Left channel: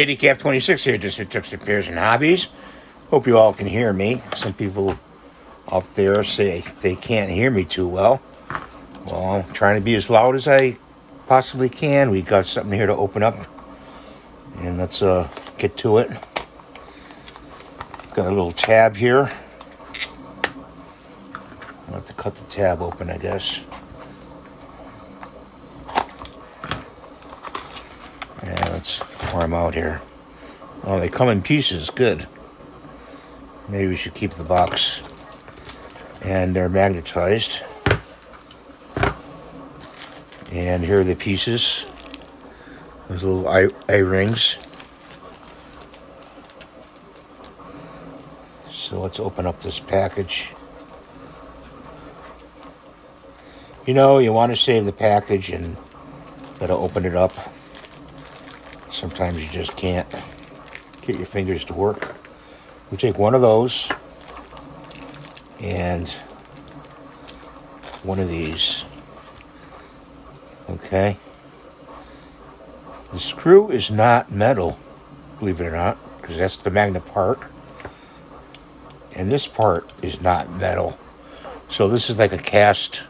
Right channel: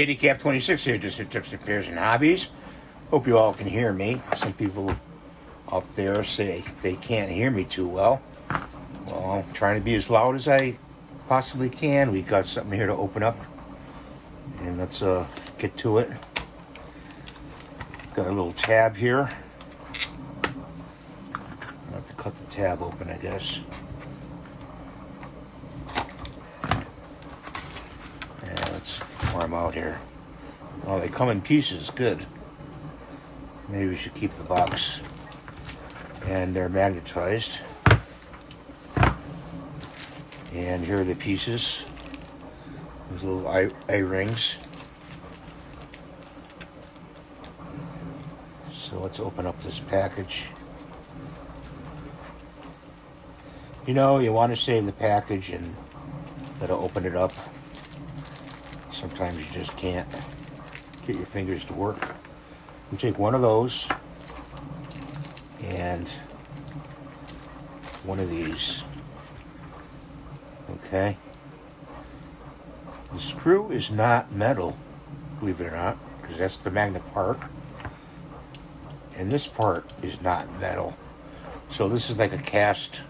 Handicap 26 here, just for tips, repairs, and hobbies. Hope you all can hear me. Some people out there say they can't hear me too well. Well, I'm trying to be as loud as I possibly can. We got something here to open up, and let's get to it. It's got a little tab here. I'll have to cut the tab open, I guess. And let's pour them out here. Well, they come in pieces. Good. Maybe we should keep the box. And they're magnetized. And here are the pieces. Those little eye-rings. So let's open up this package. You know, you want to save the package and gotta open it up. Sometimes you just can't get your fingers to work. You take one of those and one of these. Okay. The screw is not metal, believe it or not, because that's the magnet part. And this part is not metal. So this is like a cast,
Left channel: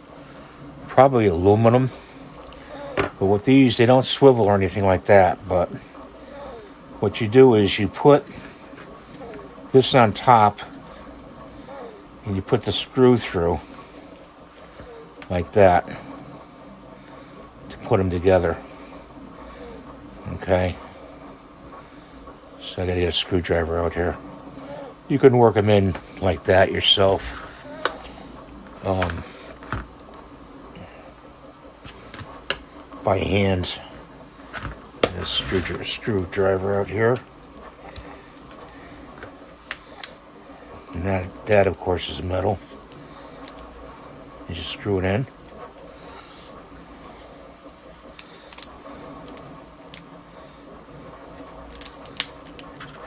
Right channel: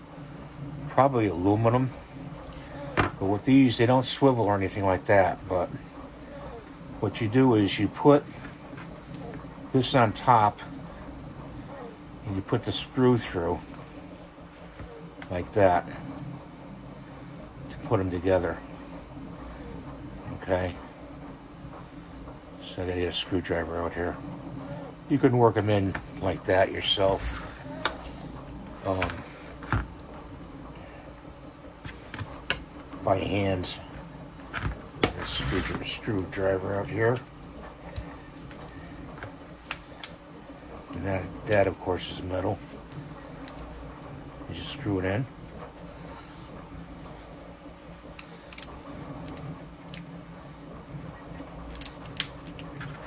probably aluminum. But with these, they don't swivel or anything like that. But what you do is you put this on top and you put the screw through like that to put them together. Okay. So I gotta get a screwdriver out here. You can work them in like that yourself. By hand. A screwdriver out here. And that of course is metal. You just screw it in.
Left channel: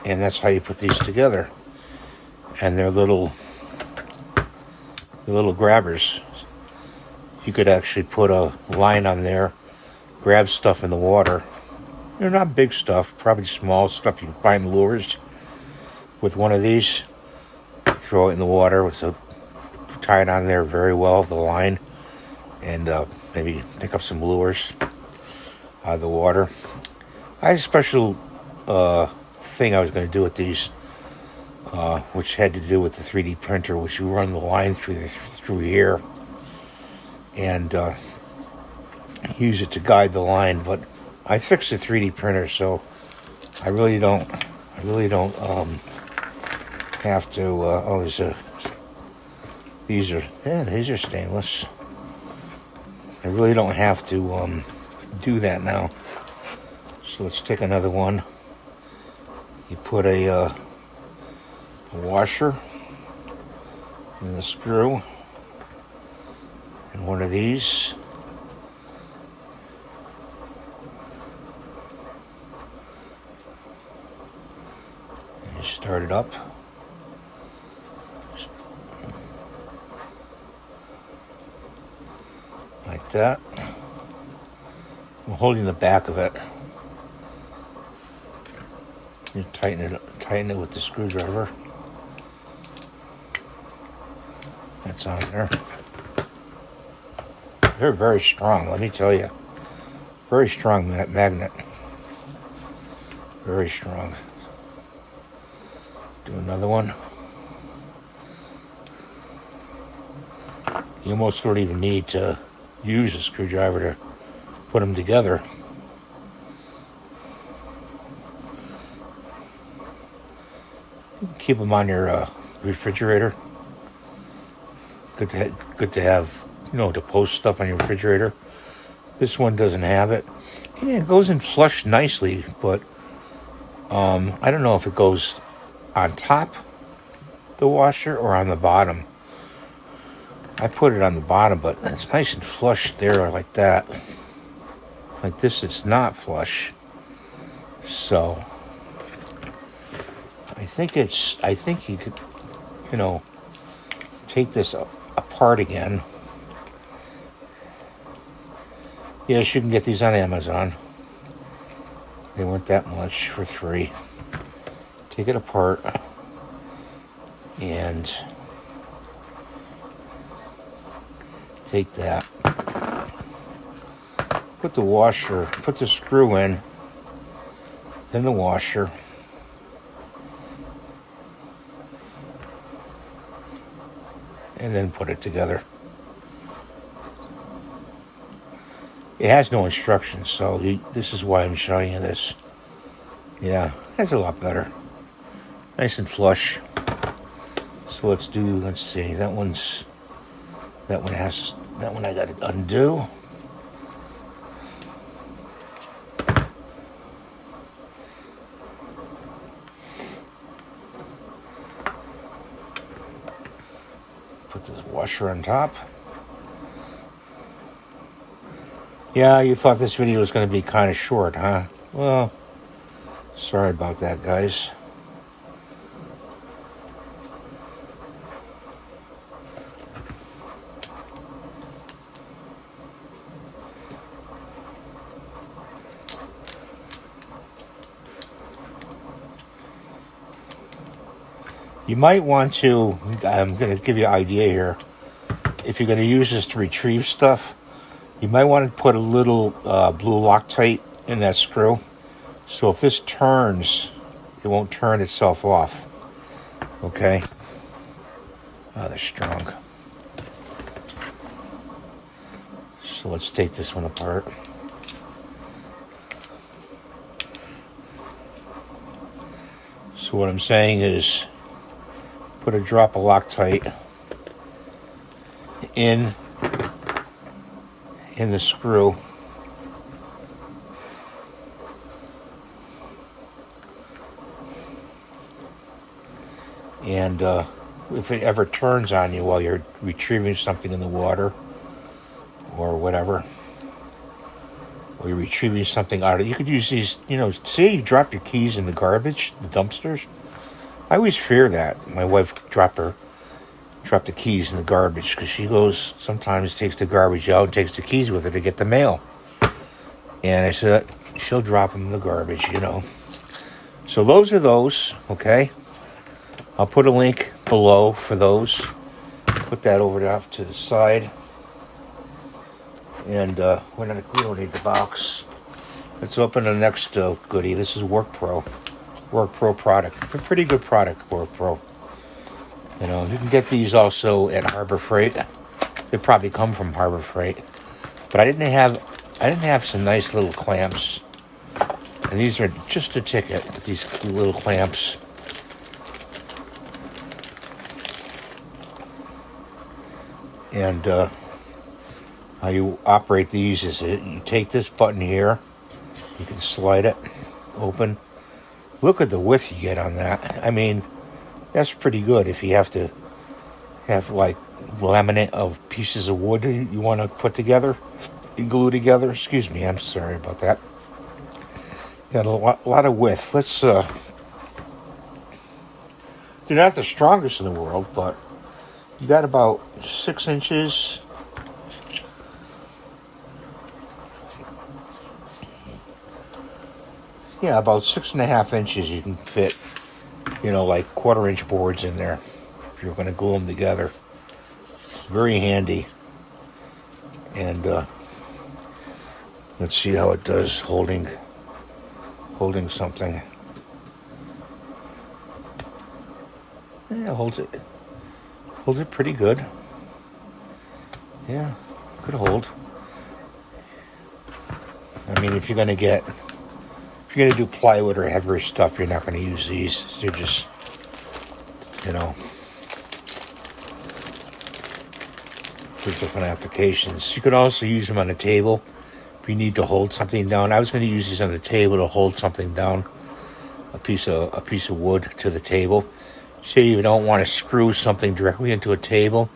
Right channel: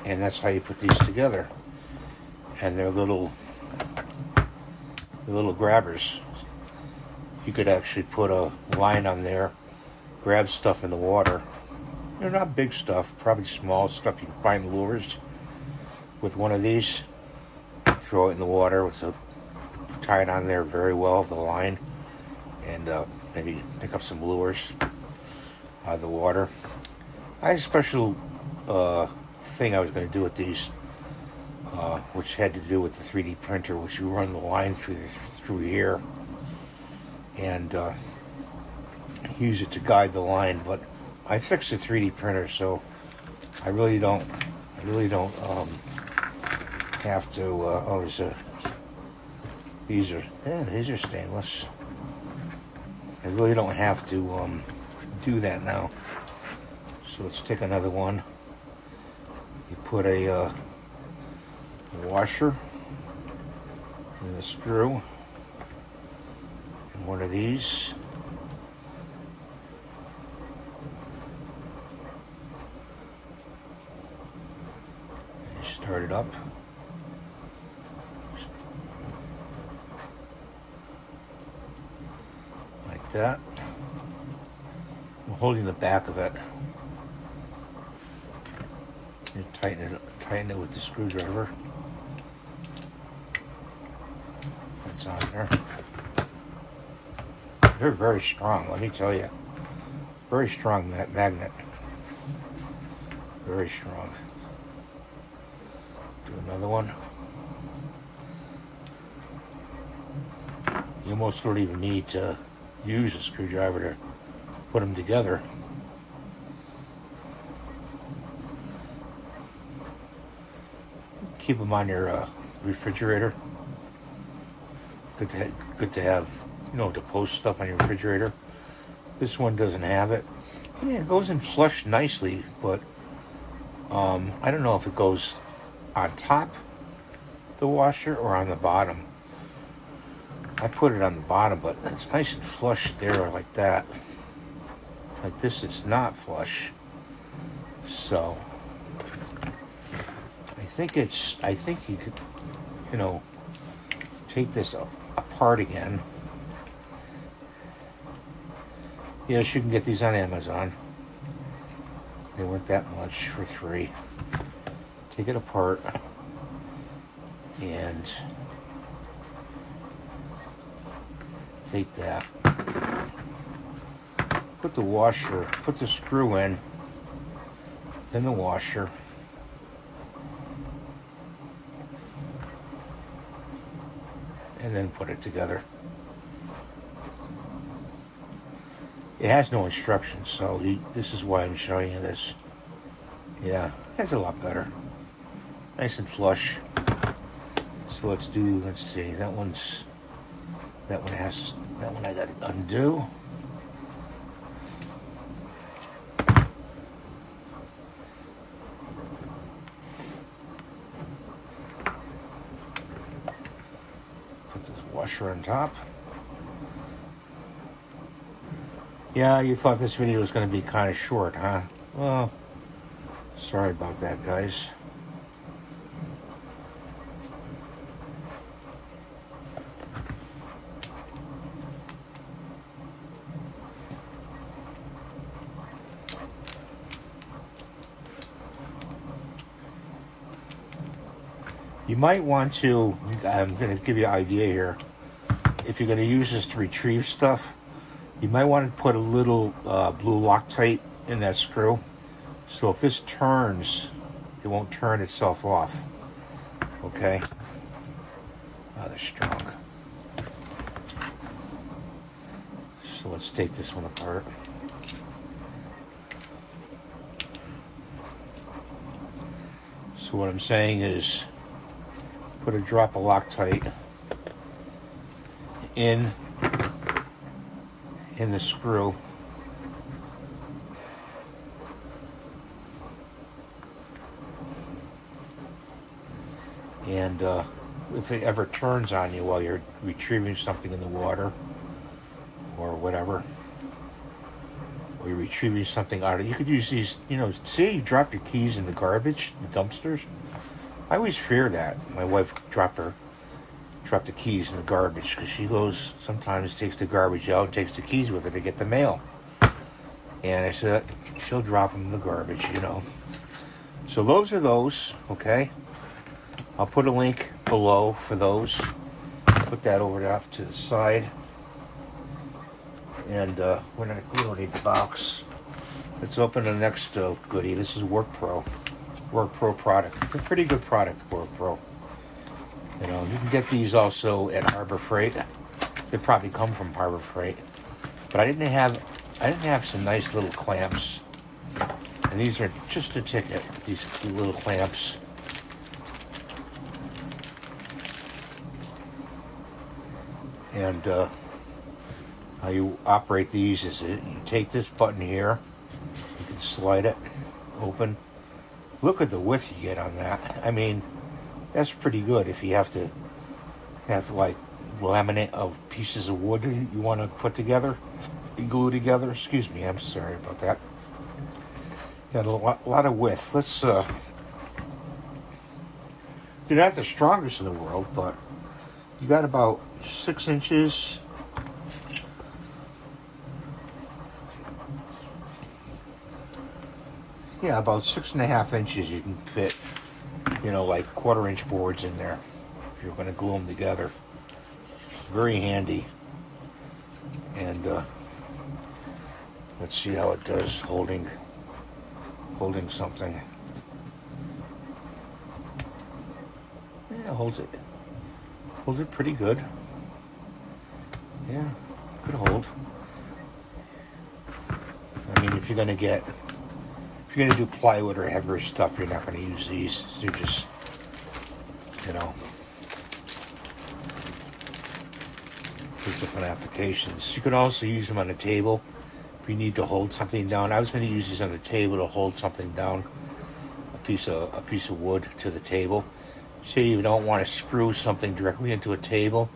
And that's how you put these together. And they're little grabbers. You could actually put a line on there, grab stuff in the water. They're not big stuff, probably small stuff you can find lures. With one of these, throw it in the water with tie it on there very well with the line, and maybe pick up some lures out of the water. I had a special thing I was going to do with these, which had to do with the 3D printer, which you run the line through here and use it to guide the line. But I fixed the 3D printer, so I really don't have to. Oh, these are stainless. I really don't have to do that now. So let's take another one. You put a washer and the screw and one of these. And you start it up. Like that. I'm holding the back of it. You tighten it with the screwdriver. That's on there. They're very strong, let me tell you. Very strong, that magnet. Very strong. Do another one. You almost don't even need to use a screwdriver to put them together. Keep them on your refrigerator. Good to have, you know, to post stuff on your refrigerator. This one doesn't have it. Yeah, it goes in flush nicely, but I don't know if it goes on top the washer or on the bottom. I put it on the bottom, but it's nice and flush there like that. Like this, it's not flush. So I think you could, you know, take this apart again. Yes, you can get these on Amazon. They weren't that much for 3. Take it apart and take that. Put the washer, put the screw in the washer. And then put it together. It has no instructions, so this is why I'm showing you this. Yeah, that's a lot better. Nice and flush. So let's see, that one I gotta undo. Put the washer on top. Yeah, you thought this video was going to be kind of short, huh? Well, sorry about that, guys. You might want to, I'm going to give you an idea here. If you're going to use this to retrieve stuff, you might want to put a little blue Loctite in that screw. So if this turns, it won't turn itself off. Okay? Oh, they're strong. So let's take this one apart. So what I'm saying is, put a drop of Loctite in the screw. And if it ever turns on you while you're retrieving something in the water or whatever, or you're retrieving something out of it, you could use these, you know, say you drop your keys in the garbage, the dumpsters. I always fear that. My wife dropped the keys in the garbage because she goes, sometimes takes the garbage out and takes the keys with her to get the mail. And I said, she'll drop them in the garbage, you know. So those are those, okay? I'll put a link below for those. Put that over off to the side. And we don't need the box. Let's open the next goodie. This is WORKPRO. WORKPRO product. It's a pretty good product, WORKPRO. You know, you can get these also at Harbor Freight. They probably come from Harbor Freight. But I didn't have some nice little clamps. And these are just a ticket, these little clamps. And how you operate these is you take this button here, you can slide it open. Look at the width you get on that. I mean, that's pretty good if you have to have like laminate of pieces of wood you want to put together and glue together. Excuse me, I'm sorry about that. Got a lot of width. Let's they're not the strongest in the world, but you got about 6 inches. Yeah, about 6.5 inches you can fit, you know, like 1/4-inch boards in there if you're going to glue them together. It's very handy. And let's see how it does holding something. Yeah, holds it pretty good. Yeah, could hold. I mean, if you're going to do plywood or heavier stuff, you're not going to use these. They're just, you know, for different applications. You could also use them on a table if you need to hold something down. I was going to use these on the table to hold something down, a piece of wood to the table. Say you don't want to screw something directly into a table,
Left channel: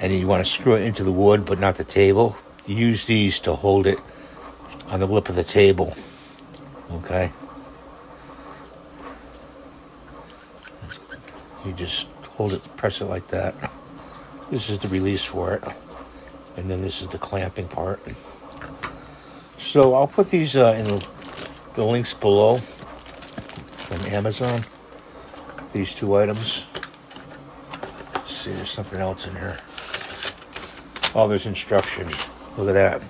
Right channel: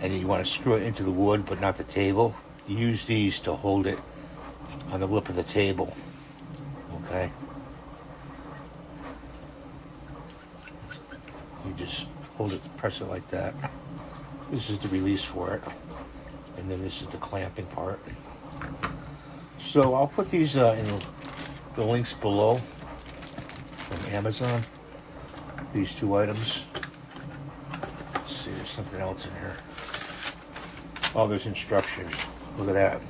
and you want to screw it into the wood but not the table. You use these to hold it on the lip of the table. Okay. You just hold it, press it like that. This is the release for it. And then this is the clamping part. So I'll put these in the links below from Amazon. These 2 items. Let's see, there's something else in here. Oh, there's instructions. Look at that.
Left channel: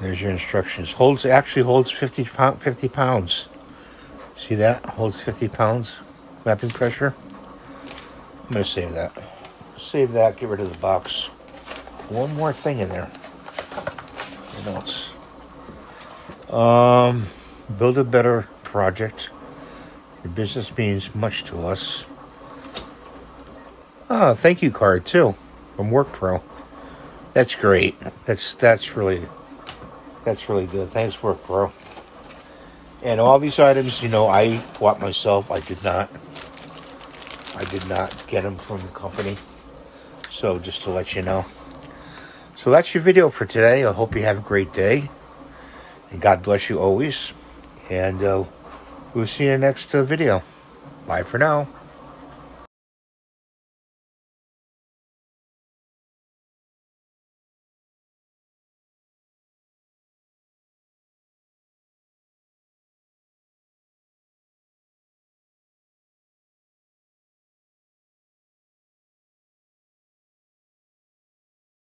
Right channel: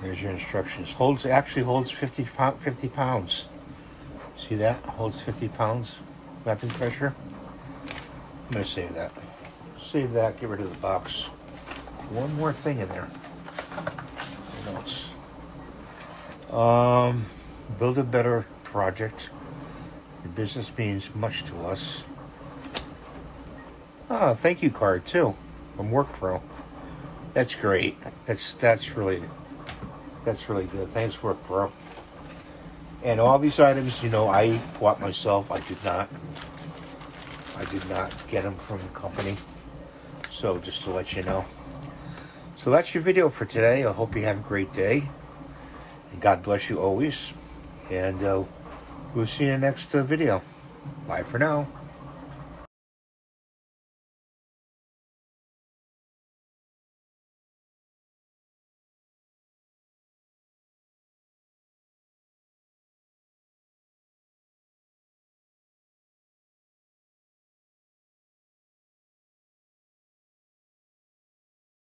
There's your instructions. Actually holds 50 pounds. See that? Holds 50 pounds. Clamping pressure. I'm going to save that. Save that. Get rid of the box. One more thing in there. What else? Build a better project. Your business means much to us. Oh, thank you card too from WORKPRO. That's great. That's really good. Thanks, WORKPRO. And all these items, you know, I bought myself. I did not get them from the company. So just to let you know. So that's your video for today. I hope you have a great day. And God bless you always. And we'll see you in the next video. Bye for now.